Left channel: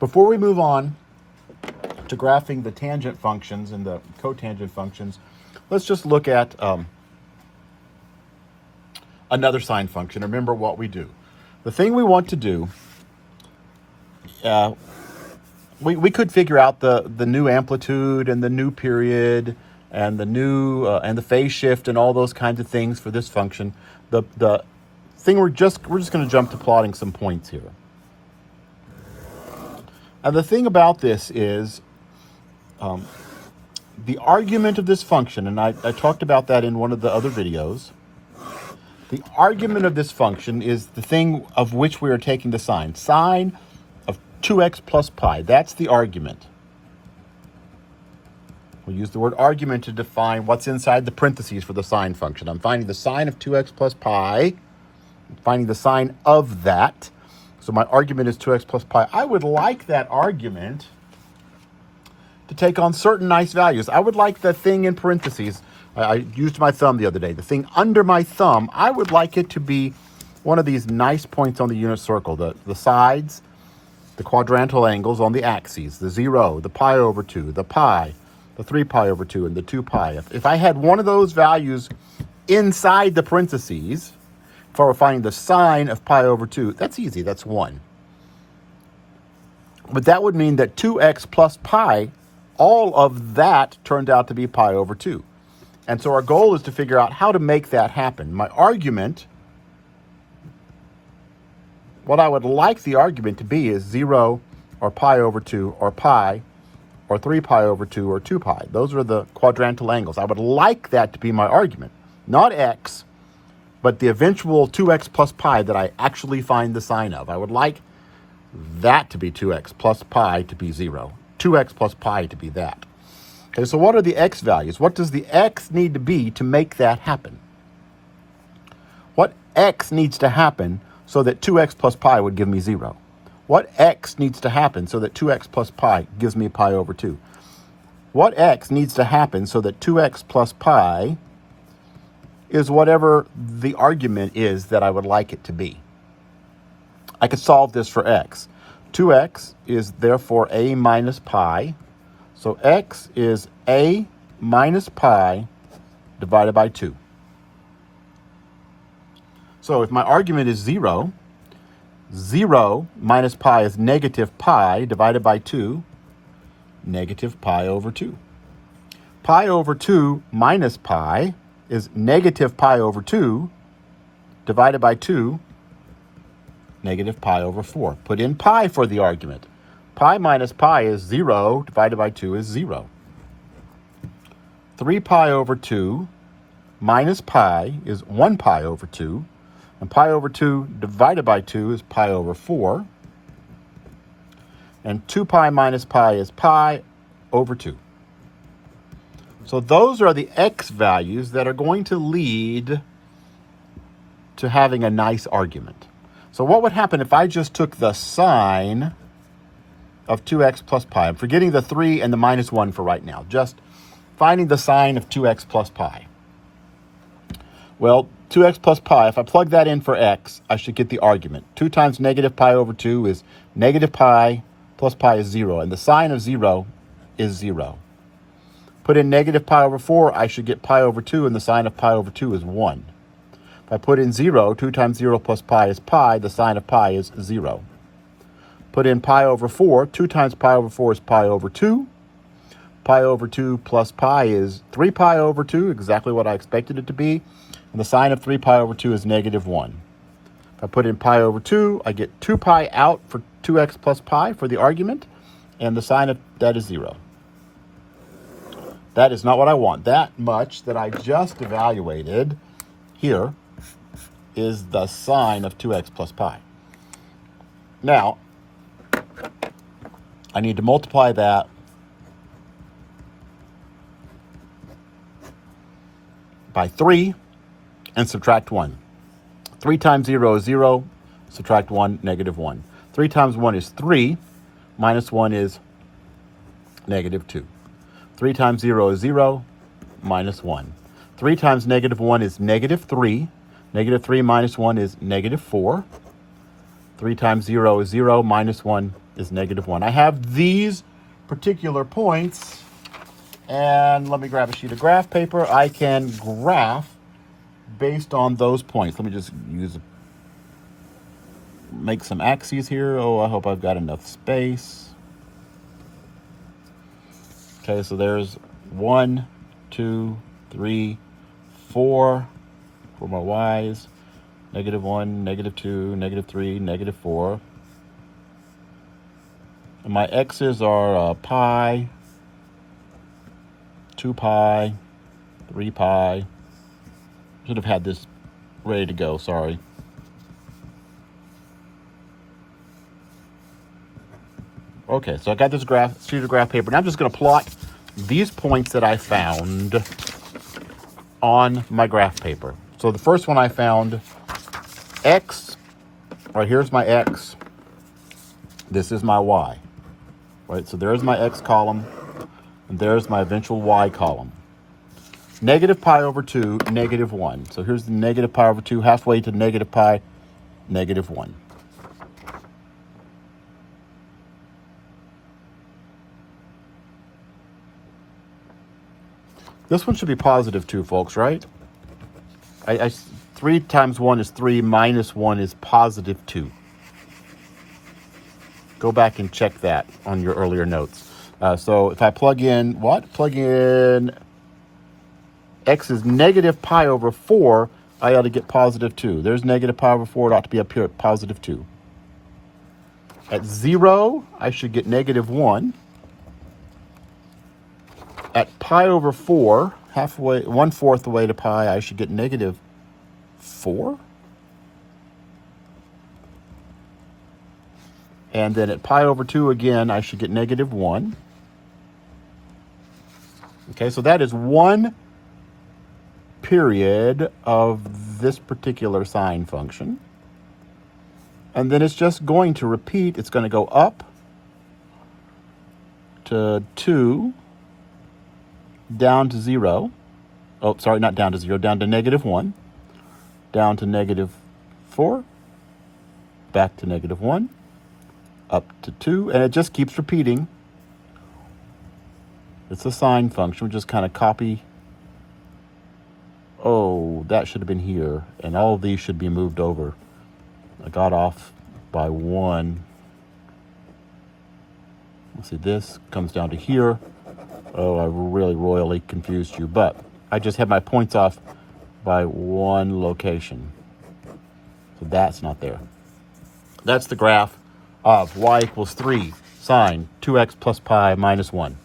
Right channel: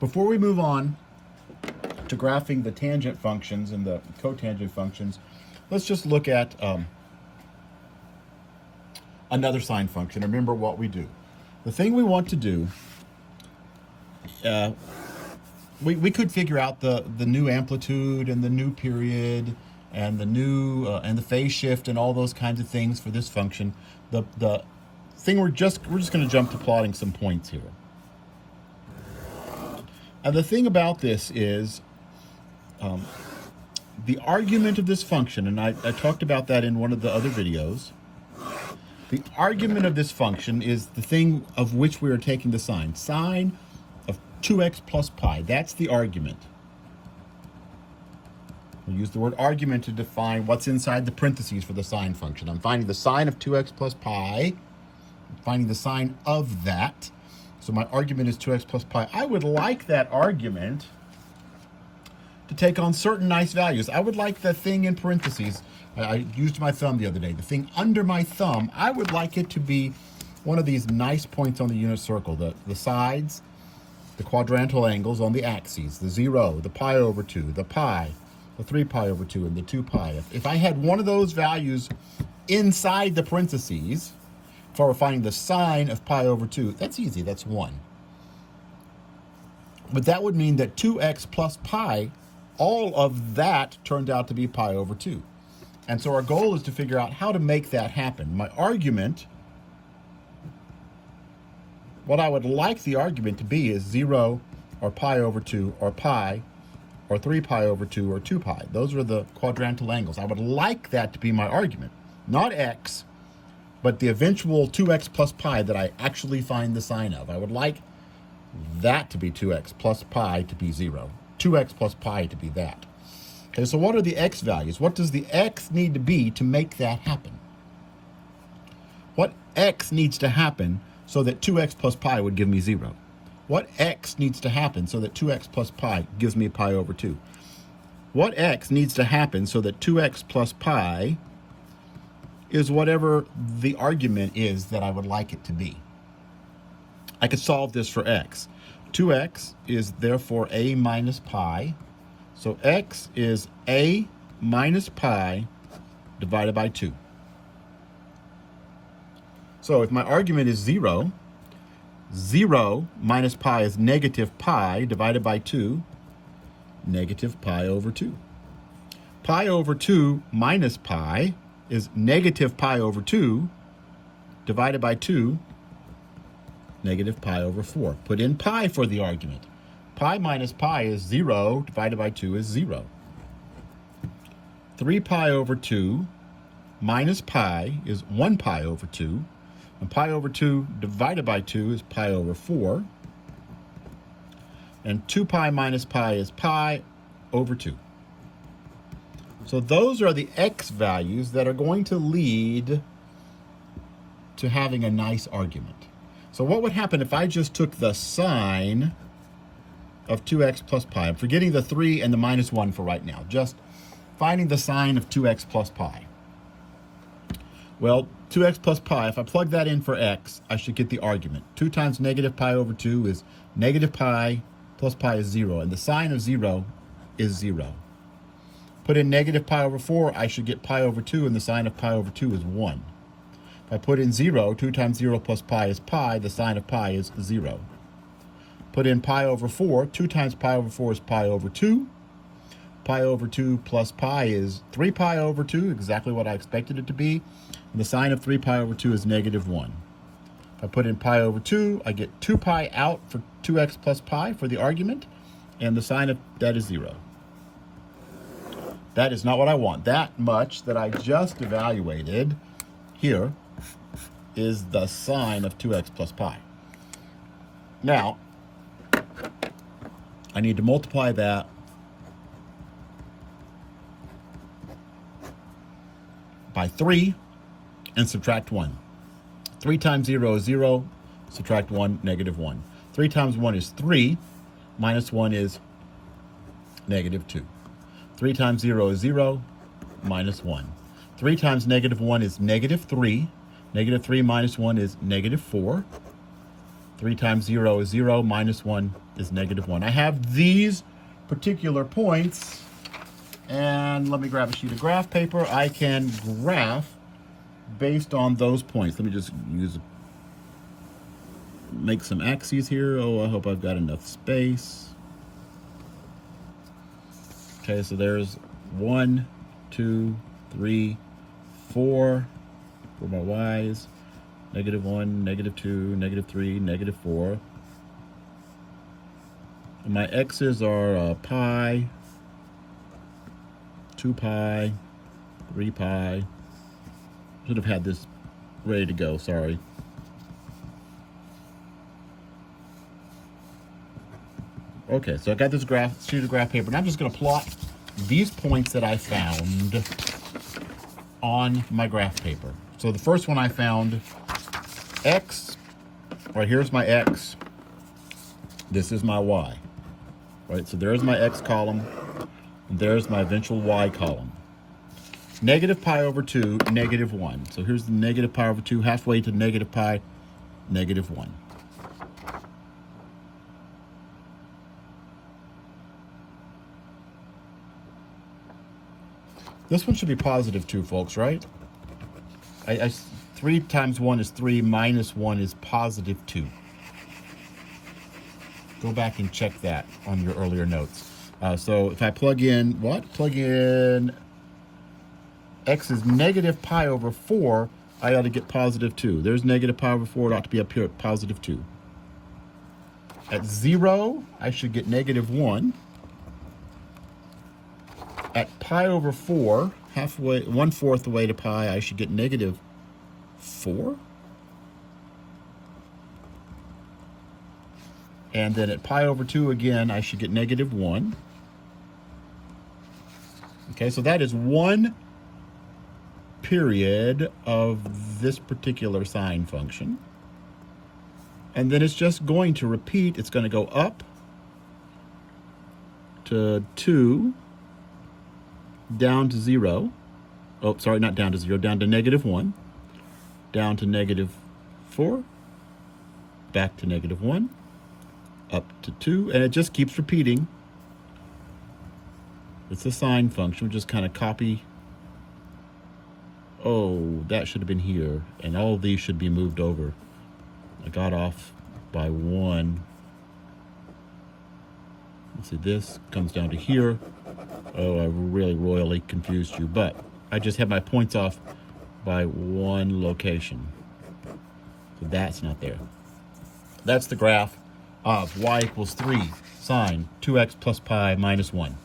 Before we move on to graphing the tangent functions and the cotangent functions, let's just look at another sine function. Remember what we do. The thing we want to do, we could figure out the new amplitude and the new period and the new and the phase shift and all those kinds of things for this function. The thing we're just going to jump to plotting some points here. And the thing about this is the argument of this function, and I talked about that in one of the other videos. The argument of this function is the thing of which we are taking the sine. Sine of 2x plus pi. That's the argument. We use the word argument to define what's inside the parentheses for the sine function. I'm finding the sine of 2x plus pi. I'm finding the sine of that. So my argument is 2x plus pi. I would like that argument to take on certain nice values. I would like the thing in parentheses. I used my thumb the other day. The thing under my thumb, I would like it to be one of these nice points on the unit circle. The sides, the quadrantal angles on the axes, the 0, the pi over 2, the pi, the 3 pi over 2, and the 2 pi. If I had one of those values inside the parentheses, if I were finding the sine of pi over 2, that's easy, that's 1. But that would mean that 2x plus pi, all of that turned out to be pi over 2. And so our goal is to figure out how to make that happen. My argument, what I would like the argument to be is 0 or pi over 2 or pi or 3 pi over 2 or 2 pi. Those are the quadrantal angles. I would like that to be my argument. Not x, but the eventual 2x plus pi that I actually find the sine of. I would like that to be 2x plus pi to be 0. 2x plus pi to be that. Okay, so what are the x values? What does the x need to be to make that happen? What x needs to happen so that 2x plus pi would give me 0? What x needs to happen so that 2x plus pi gives me pi over 2? What x needs to happen so that 2x plus pi is whatever the argument is that I would like it to be? I could solve this for x. 2x is therefore a minus pi. So x is a minus pi divided by 2. So if my argument is 0, 0 minus pi is negative pi divided by 2, negative pi over 2. Pi over 2 minus pi is negative pi over 2 divided by 2, negative pi over 4. Put in pi for the argument. Pi minus pi is 0 divided by 2 is 0. 3 pi over 2 minus pi is 1 pi over 2. And pi over 2 divided by 2 is pi over 4. And 2 pi minus pi is pi over 2. So those are the x values that are going to lead to having a nice argument. So what would happen if I just took the sine of 2x plus pi? I'm forgetting the 3 and the minus 1 for right now. Just finding the sine of 2x plus pi. Well, 2x plus pi, if I plug that in for x, I should get the argument. 2 times negative pi over 2 is negative pi plus pi is 0. And the sine of 0 is 0. Put in negative pi over 4, I should get pi over 2, and the sine of pi over 2 is 1. If I put in 0, 2 times 0 plus pi is pi. The sine of pi is 0. Put in pi over 4. 2 times pi over 4 is pi over 2. Pi over 2 plus pi is 3 pi over 2, exactly what I expected it to be. And the sine of 3 pi over 2 is negative 1. If I put in pi over 2, I get 2 pi out for 2x plus pi for the argument, and the sine of that is 0. That is not what I want. That much that I just evaluated here is the sine of 2x plus pi. Now, I need to multiply that by 3 and subtract 1. 3 times 0 is 0, subtract 1, negative 1. 3 times 1 is 3, minus 1 is negative 2. 3 times 0 is 0, minus 1. 3 times negative 1 is negative 3. Negative 3 minus 1 is negative 4. 3 times 0 is 0, minus 1 is negative 1. I have these particular points, and let me grab a sheet of graph paper. I can graph based on those points. Let me just make some axes here. Oh, I hope I've got enough space. Okay, so there's 1, 2, 3, 4 for my y's. Negative 1, negative 2, negative 3, negative 4. And my x's are pi, 2 pi, 3 pi. Should have had this ready to go, sorry. Okay, so I got this sheet of graph paper. Now I'm just going to plot these points that I found on my graph paper. So the first one I found, x, right here's my x, this is my y, right? So there's my x column, and there's my eventual y column. Negative pi over 2, negative 1. So here's the negative pi over 2, halfway to negative pi, negative 1. This one should be positive 2, folks, right? 3 times 1 is 3, minus 1 is positive 2. Go back and check that on your earlier notes. So if I plug in, Plug in x is negative pi over 4, I ought to get positive 2. There's negative pi over 4, it ought to be up here at positive 2. At 0, I should get negative 1. At pi over 4, halfway, 1/4 the way to pi, I should get negative 4. And then at pi over 2 again, I should get negative 1. Okay, so that is one period of this particular sine function. And then it's just going to repeat. It's going to go up to 2, down to 0. Oh, sorry, not down to 0, down to negative 1, down to negative 4, back to negative 1, up to 2, and it just keeps repeating. It's a sine function. We just kind of copy. Oh, that should have been here, and all of these should be moved over. I got off by 1. Let's see, this comes down to here. Oh, I really royally confused you, but I just had my points off by 1 location. So that's not there. That's the graph of y equals 3 sine 2x plus pi minus 1.